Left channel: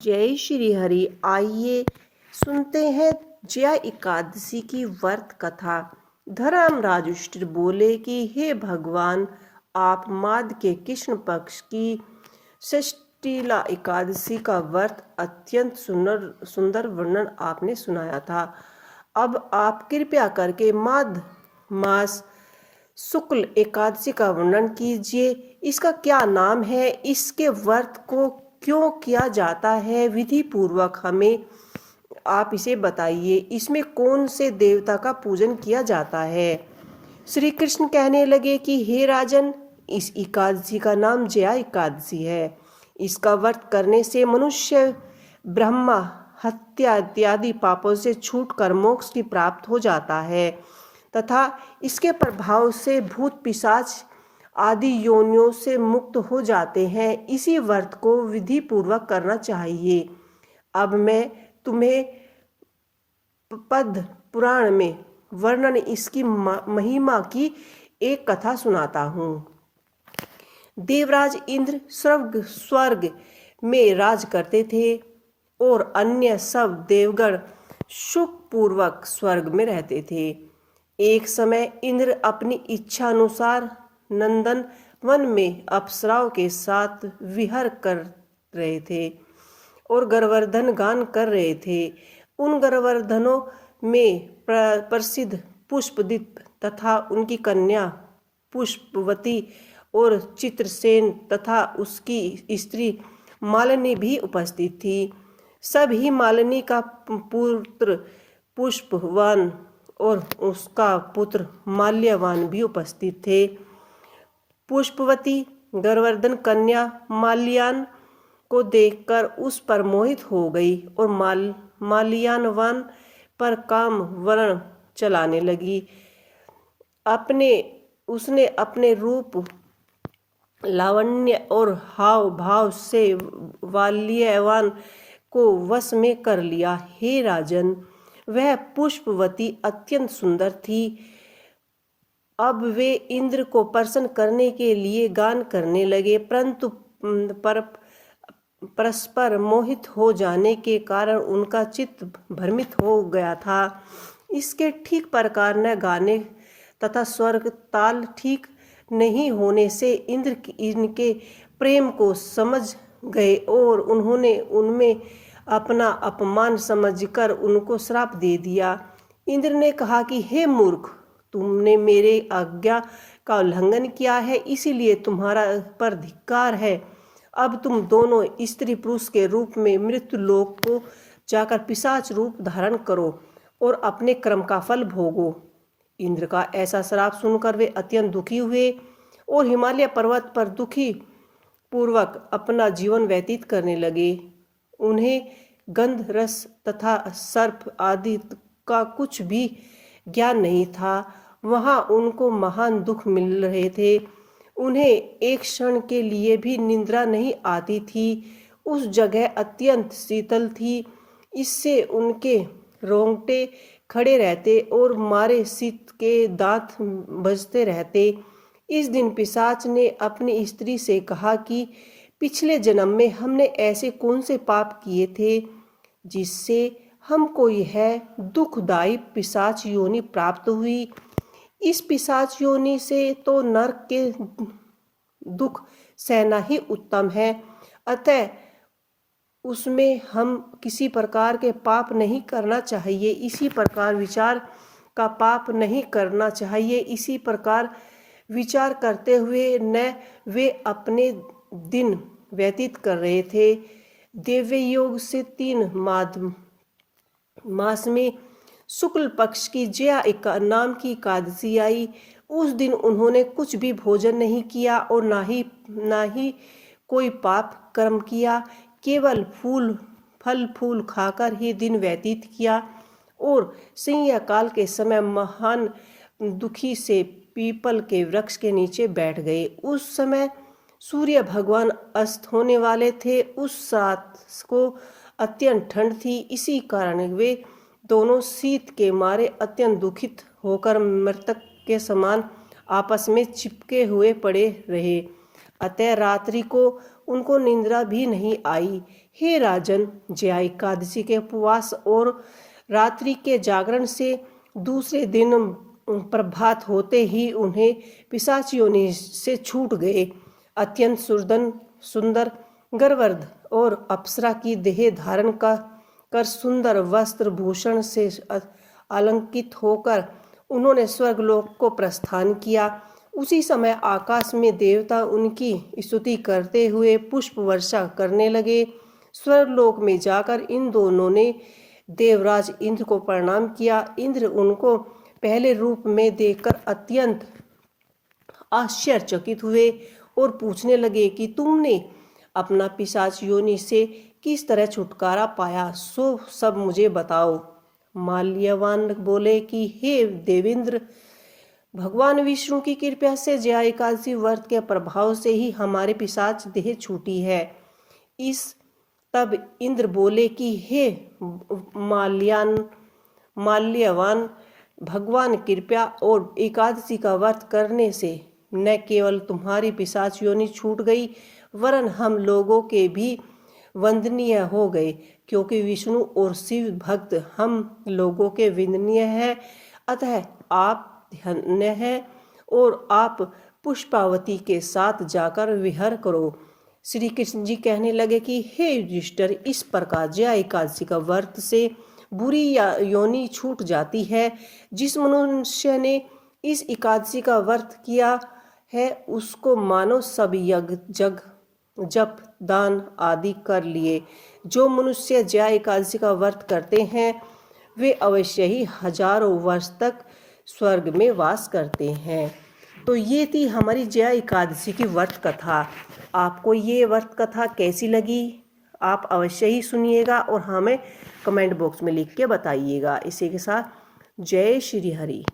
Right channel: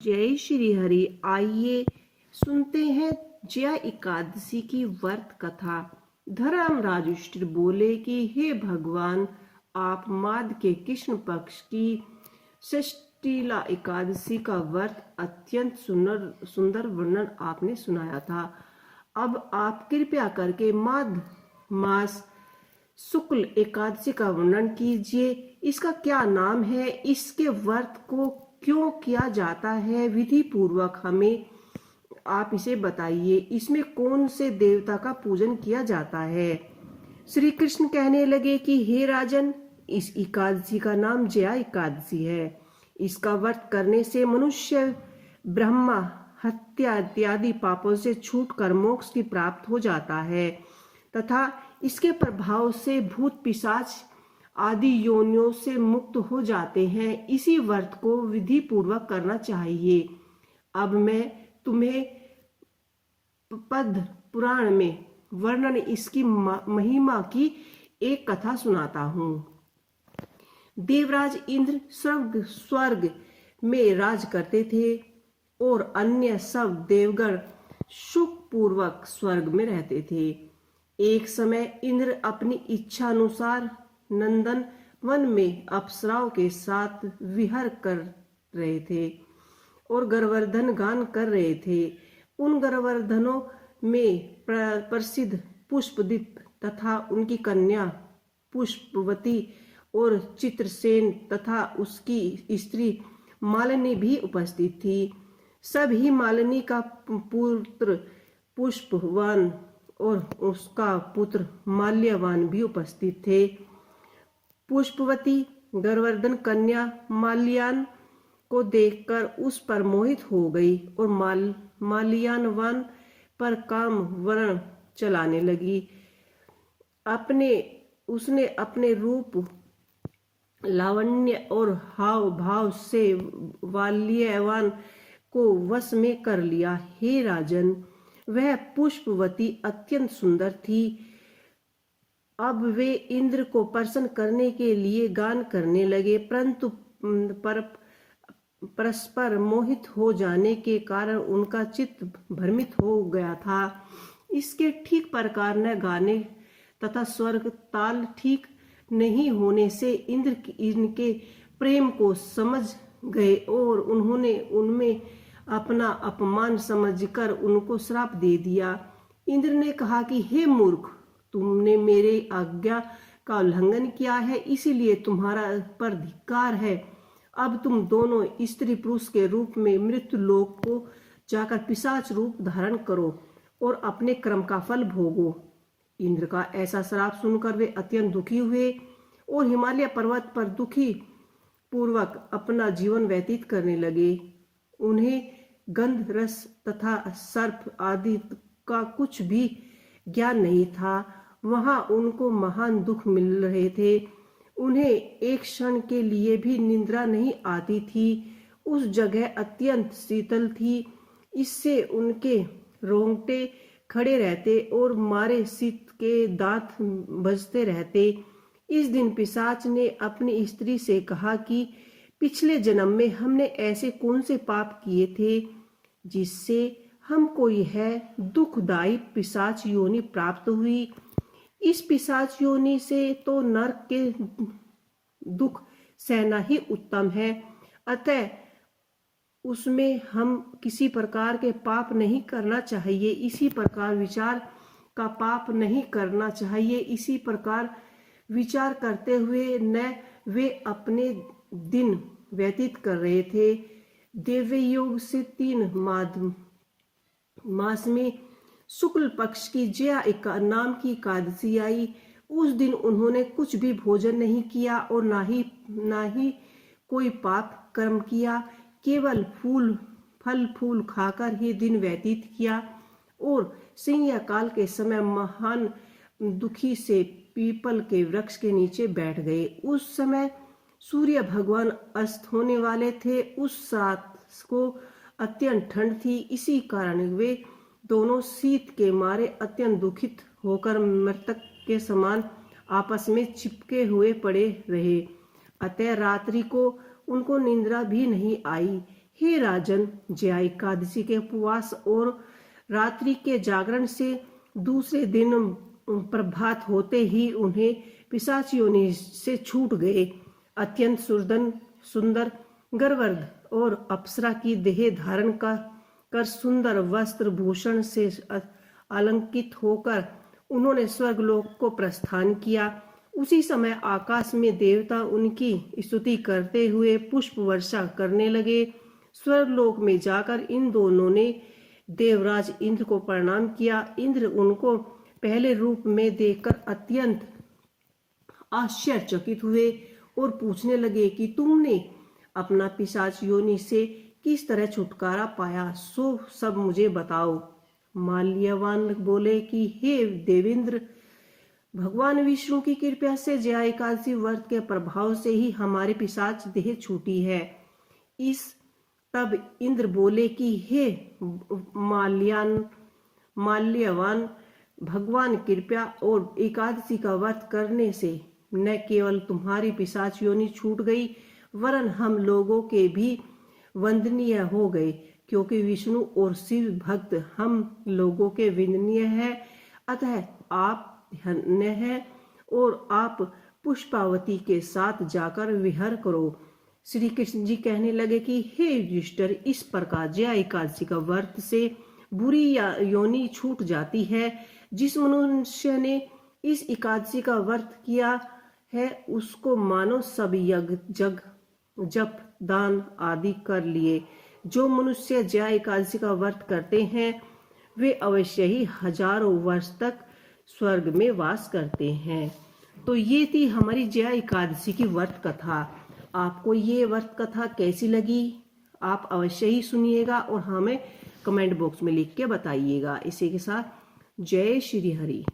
जय श्री हरि। आइए सुनते हैं जया एकादशी की व्रत कथा। धर्मराज युधिष्ठिर बोले कि हे भगवान, आप माघ के कृष्ण पक्ष की षष्ठीला एकादशी का व्रत अत्यंत सुंदर वर्णन आपने सुनाया था। अब आप कृपया करके माघ मास शुक्ल एकादशी का वर्णन कीजिए। इसका क्या नाम है, इसके व्रत को क्यों किया जाता है, विधि पूर्वक हमें आप इसे बताइए। इसमें कौन से देवता का पूजन किया जाता है। श्री कृष्ण कहने लगे कि हे राजन, इस एकादशी का नाम जया एकादशी है। इसका व्रत करने से मनुष्य ब्रह्मा हत्या इत्यादि पापों से छूटकर मोक्ष की प्राप्त हो जाता है तथा इसके प्रभाव से भूत पिशाच आदि योनियों से मुक्त हो जाते हैं। इसी व्रत को विधि पूर्वक करना चाहिए। अब मैं तुम्हें पद्म पुराण में वर्णन इसकी महिमा की एक कथा सुनाता हूँ। देवराज इंद्र स्वर्ग में राज करते थे और अन्य सब देवगण सुखपूर्वक स्वर्ग में रहते थे। एक समय इंद्र अपनी इच्छा अनुसार नंदन वन में अप्सराओं के साथ विहर कर रहे थे और गवर्धन गान कर रहे थे। उन गवर्धनों में प्रसिद्ध पुष्पदीप तथा उनकी कन्या पुष्पवती और चित्रसेन तथा उसकी स्त्री मालिनी भी उपस्थित थी। सभी मालिनी का पुत्र पुष्पवान और उसका पुत्र माल्यवान भी उपस्थित थे। पुष्पवती गवर्धन कन्या माल्यान को देखकर उस पर मोहित हो गई और माल्यानवान पर काम वर्ण चलाने लगी। उसने अपने रूप लावण्य और हाव भाव से माल्यवान को वश में कर लिया। हे राजन, वह पुष्पवती अत्यंत सुंदर थी। अब वे इंद्र को प्रसन्न करने के लिए गान करने लगे, परंतु परस्पर मोहित हो जाने के कारण उनका चित्त भ्रमित हो गया था। इसके ठीक प्रकार न गाने तथा स्वर्ग ताल ठीक नहीं होने से इंद्र इनके प्रेम को समझ गए और उन्होंने उनमें अपना अपमान समझकर उनको श्राप दे दिया। इंद्र ने कहा कि हे मूर्ख, तुमने मेरे आज्ञा का उल्लंघन किया है, इसीलिए तुम्हारा पर धिक्कार है। अब तुम दोनों स्त्री पुरुष के रूप में मृत्यु लोक को जाकर पिशाच रूप धारण करो और अपने कर्म का फल भोगो। इंद्र का ऐसा श्राप सुनकर वे अत्यंत दुखी हुए और हिमालय पर्वत पर दुखी पूर्वक अपना जीवन व्यतीत करने लगे। उन्हें गंध रस तथा सर्प आदि का कुछ भी ज्ञान नहीं था। वहाँ उनको महान दुख मिल रहे थे। उन्हें एक क्षण के लिए भी निद्रा नहीं आती थी। उस जगह अत्यंत शीतल थी, इससे उनके रोंगटे खड़े रहते और मारे शीत के दांत बजते रहते। इस दिन पिशाच ने अपनी स्त्री से कहा कि पिछले जन्म में हमने ऐसे कौन से पाप किए थे जिससे हमको यह दुखदायी पिशाच योनि प्राप्त हुई। इस पिशाच योनि से तो नरक के दुख सहना ही उत्तम है, अतः उसमें हम किसी प्रकार के पाप नहीं करना चाहिए। इसी प्रकार विचार का पाप नहीं करना चाहिए। इसी प्रकार विचार करते हुए न वे अपने दिन व्यतीत कर रहे थे। देव्य योग से 3 मास में शुक्ल पक्ष की जया नाम की एकादशी आई। उस दिन उन्होंने कुछ भी भोजन नहीं किया और ना ही कोई पाप कर्म किया, केवल फल फूल खाकर ही दिन व्यतीत किया और संध्याकाल के समय महान दुखी से पीपल के वृक्ष के नीचे बैठ गए। उस समय सूर्य भगवान अस्त होने वाले थे। उस रात को अत्यंत ठंड थी, इसी कारण वे दोनों शीत के मारे अत्यंत दुखित होकर मृतक के समान आपस में चिपके हुए पड़े रहे। अतः रात्रि को उनको निंद्रा भी नहीं आई। हे राजन, जया एकादशी के उपवास और रात्रि के जागरण से दूसरे दिन प्रभात होते ही उन्हें पिशाच योनि से छूट गए। अत्यंत सुंदर गर्ववर्ध और अप्सरा की देह धारण कर सुंदर वस्त्र भूषण से अलंकृत होकर उन्होंने स्वर्गलोक को प्रस्थान किया। उसी समय आकाश में देवता उनकी स्तुति करते हुए पुष्प वर्षा करने लगे। स्वर्गलोक में जाकर इन दोनों ने देवराज इंद्र को प्रणाम किया। इंद्र उनको पहले रूप में देखकर अत्यंत आश्चर्यचकित हुए और पूछने लगे कि तुमने अपना पिशाच योनि से किस तरह छुटकारा पाया, सो सब मुझे बताओ। माल्यवान बोले कि हे देवेंद्र, भगवान विष्णु की कृपा से जया एकादशी व्रत के प्रभाव से ही हमारे पिशाच देह छूटी है। तब इंद्र बोले कि हे माल्यवान, भगवान कृपा और एकादशी का व्रत करने से न केवल तुम्हारी पिशाच योनि छूट गई, वरन हम लोगों के भी वंदनीय हो गए, क्योंकि विष्णु और शिव भक्त हम लोगों के वंदनीय है। अतः आप धन्य है और आप पुष्पावती के साथ जाकर विहार करो। श्री कृष्ण जी कहने लगे कि हे युधिष्ठिर, इस प्रकार जया एकादशी का व्रत से बुरी योनि छूट जाती है। जिस मनुष्य ने इस एकादशी का व्रत किया है उसको मानो सब यज्ञ जप दान आदि कर लिए। जो मनुष्य जया एकादशी का व्रत करते हैं वे अवश्य ही हजारों वर्ष तक स्वर्ग में वास करते हैं। तो ये थी हमारी जया एकादशी की व्रत कथा। आपको ये व्रत कथा कैसी लगी आप अवश्य ही सुनिएगा और हमें कमेंट बॉक्स में लिख के बताइएगा। इसी के साथ जय श्री हरि।